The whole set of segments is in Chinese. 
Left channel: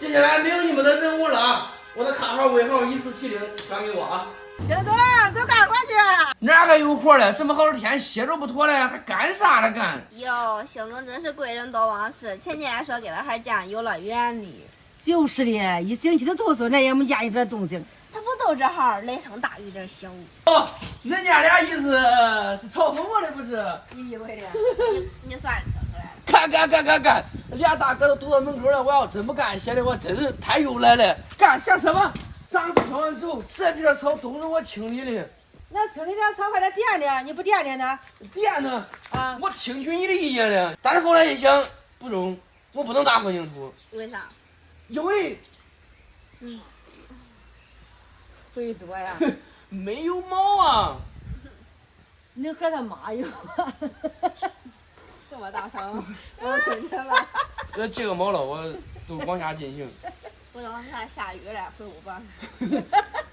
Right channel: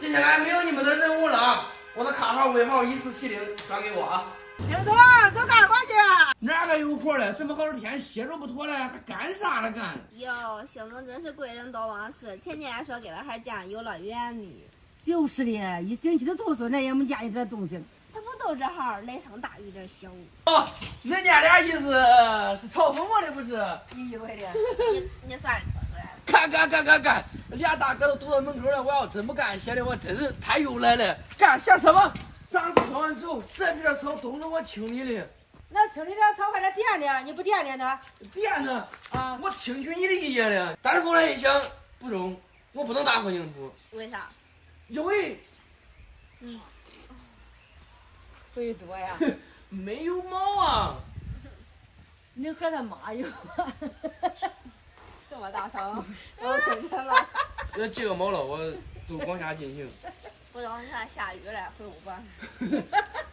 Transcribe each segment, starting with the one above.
接下来没有你们的任务了啊！我的卡号尾号1470，转给我啊！行总，走干活去。哪还有活了？这么好的天，歇着不妥了，还干啥了干？哟，邢总真是贵人多忘事，前天还说给了孩家游乐园呢。就是的，一星期的读书，那也没见一点动静。他不都这号雷声大雨点小？哦，恁娘俩意思是嘲讽我的不是？你以为的？你算是听出来了。干！俩大哥都堵到门口了，我要真不干，显得我真是太有来了。干想什么？上次说完之后，这边草都是我清理的。那清理点草，快点垫垫，你不垫垫呢？垫呢？啊，我听取你的意见了，但是后来一想，不中，我不能打混凝土。为啥？因为肥多呀。没有毛啊。你和他妈有。这么大声，我听见了。这个毛了，我都往下进行。不能看下雨了，回屋吧。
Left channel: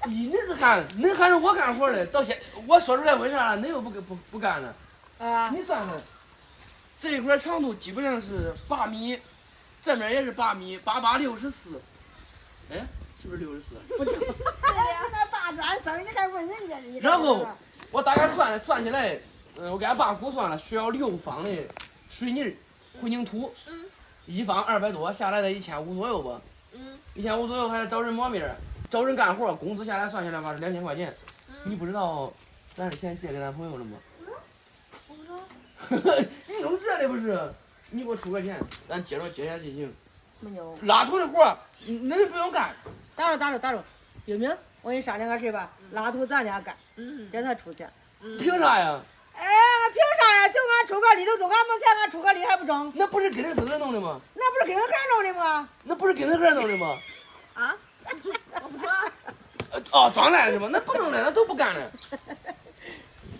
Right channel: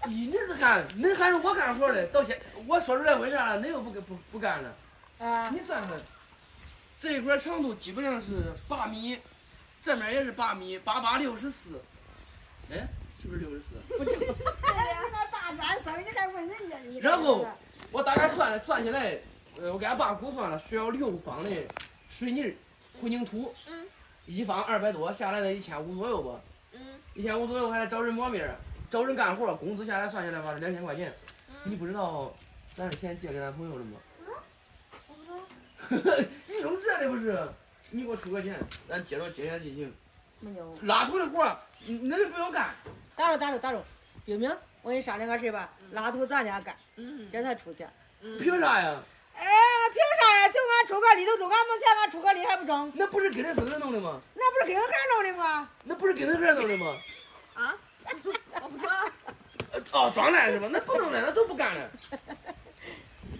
你这是干，恁还是我干活的，到现我说出来为啥了？恁又不干了？啊，你算算，这一块长度基本上是8米，这面也是8米，8864。哎，是不是64？不中。你那大专生，你还问人家呢？然后我大概算下来，我给俺爸估算了，需要6方的水泥混凝土，一方200多，下来得1500左右吧。1500左右还得找人抹面，找人干活，工资下来算下来吧是2000块钱。你不知道咱是钱借给咱朋友了吗？我不知道。你弄这的不是？你给我出个钱，咱接下进行。没有。拉土的活，恁不用干。打住，冰冰，我跟你商量个事吧，拉土咱俩干，给他出钱。凭啥呀？哎，凭啥呀？就俺出个力都中，俺没钱，俺出个力还不中？那不是跟恁孙子弄的吗？那不是跟俺孩弄的吗？那不是跟恁孩弄的吗？啊？我不知道。哦，装来是吧？那不弄了，那都不干了。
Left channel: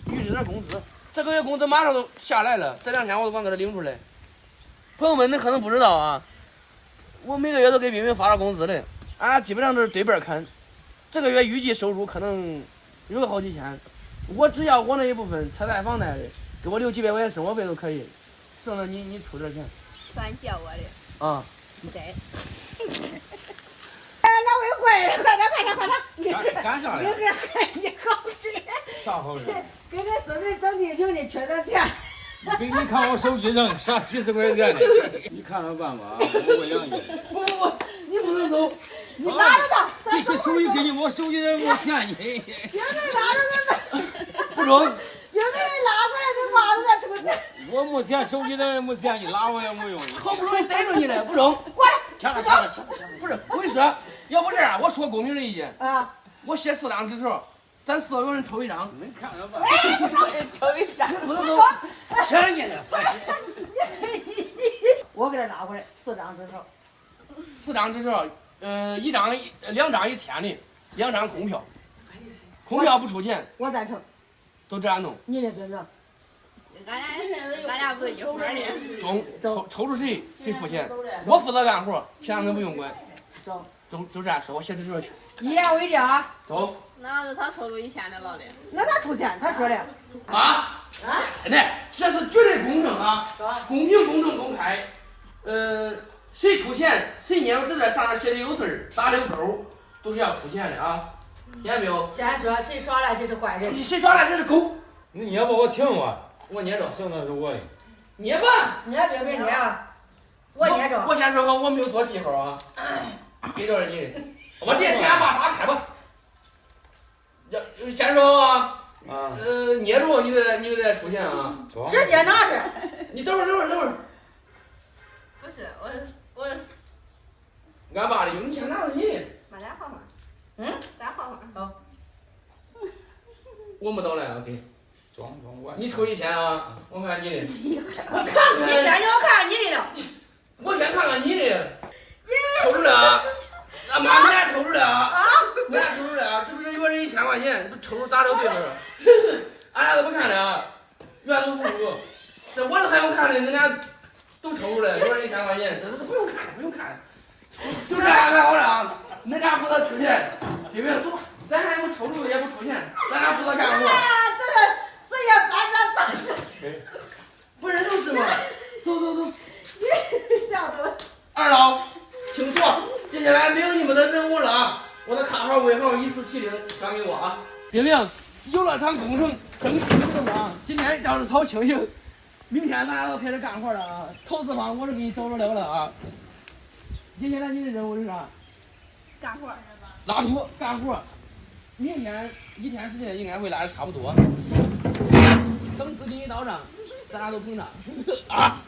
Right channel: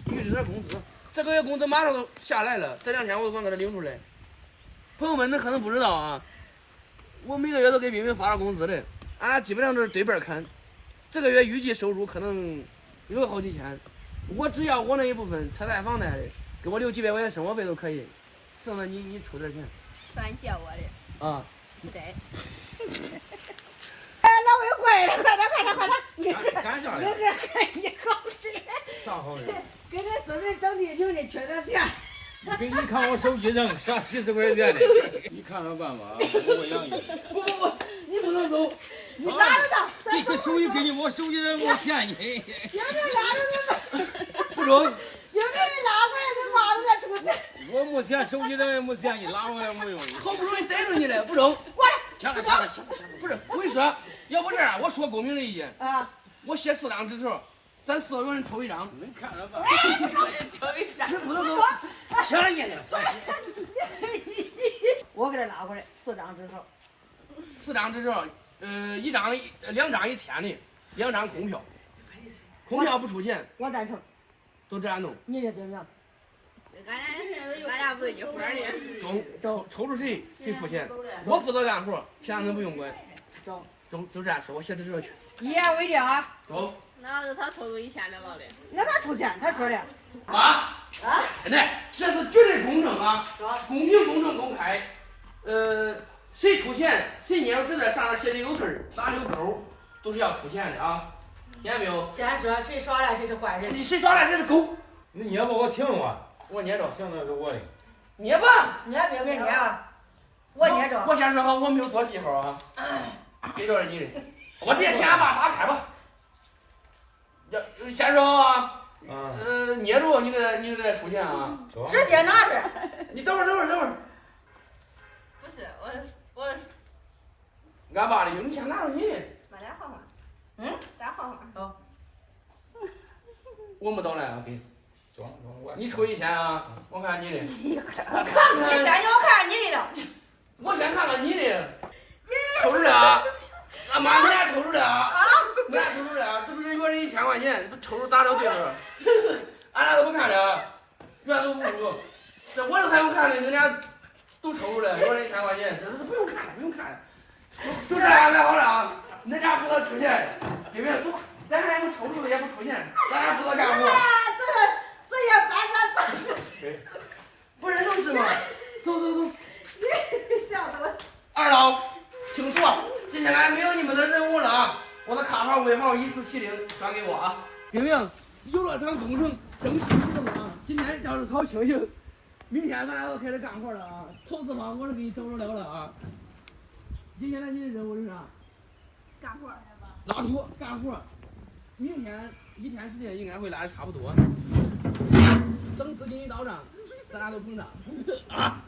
预支点工资，这个月工资马上都下来了，这2天我都往这领出来。朋友们，恁可能不知道啊，我每个月都给冰冰发了工资的，俺俩基本上都是对半看。这个月预计收入可能有个好几千，我只要我那一部分车贷房贷的，给我留几百块钱生活费都可以，剩下你出点钱。算借我的。啊，不得。哎，那我有贵人，快点！干啥明呀？儿给你好事，啥好事？给咱孙子整地平的，缺点钱。给你看我手机上上几十块钱的，你看看办吧，我养你。不，你不能走。你拿着他，这个手机给你，我手机上我嫌你。冰冰拉着他，不中。冰冰拉过来，你妈都在出去。我没嫌手机上也没嫌你，拉我也没用。好不容易逮着你了，不中。过来，掐了。不是，我跟你说，要不这样，我说公平的意见，啊，我写4张纸条，咱4个人抽一张。你看着吧。抽一张。你不能走。嫌你了。我给他拉过来4张纸条。 4张纸条，2张1天的，2张空票，空票不出钱，我赞成。都这样弄。你的冰冰。俺俩不是一伙的。抽出谁付钱，我负责干活，其他人不用管。走。就这样说，我写纸条去。一言为定啊。走。那是他抽出1000的老的。那他出钱，他说的。啊！真的，这是绝对公正啊，公平、公正、公开。谁出钱，谁捏着纸在上面写的有字儿，打的有勾，都是要出钱的啊，听见没有？先说谁耍赖谁是坏人。谁耍赖谁是狗。你捏吧，我请我。我捏着。行，那是我的。捏吧。捏冰冰捏吧。我捏着。我先说好，我没有做记号啊。给多少你的？我直接先把打开吧。先说好啊。捏住你得再出钱啊。直接拿着。你等会儿。不是，我俺爸的，你先拿着你的。把咱换换。咱换换。好。我没等来，给。装我。你抽1000啊，我看你的。我看看。你先要看你的。我先看看你的。抽出来。那妈，你俩抽出来啊！你俩抽出来啊！这不是一个人1000块钱，不抽出打到对门。俺俩都不看了，原都不如。这我这还用看的，恁俩都抽出来，一个人1000块钱，这是不用看了，不用看了。就这样干好了啊！恁俩负责出钱，对不对？走，咱还不抽出也不出钱，咱俩负责干活。这也反正咋是？不是都是吗？走。你笑死了。二老，请坐。接下下来没有你们的任务了啊！我的卡号尾号1470转给我啊！冰冰，游乐场工程正式启动啊！今天叫是超清醒，明天咱俩都开始干活了啊！投资方我是给你找着了啊！接下来你的任务是啥？干活。拉土干活。明天一天时间应该会拉的差不多。等资金一到账，咱俩都膨胀啊！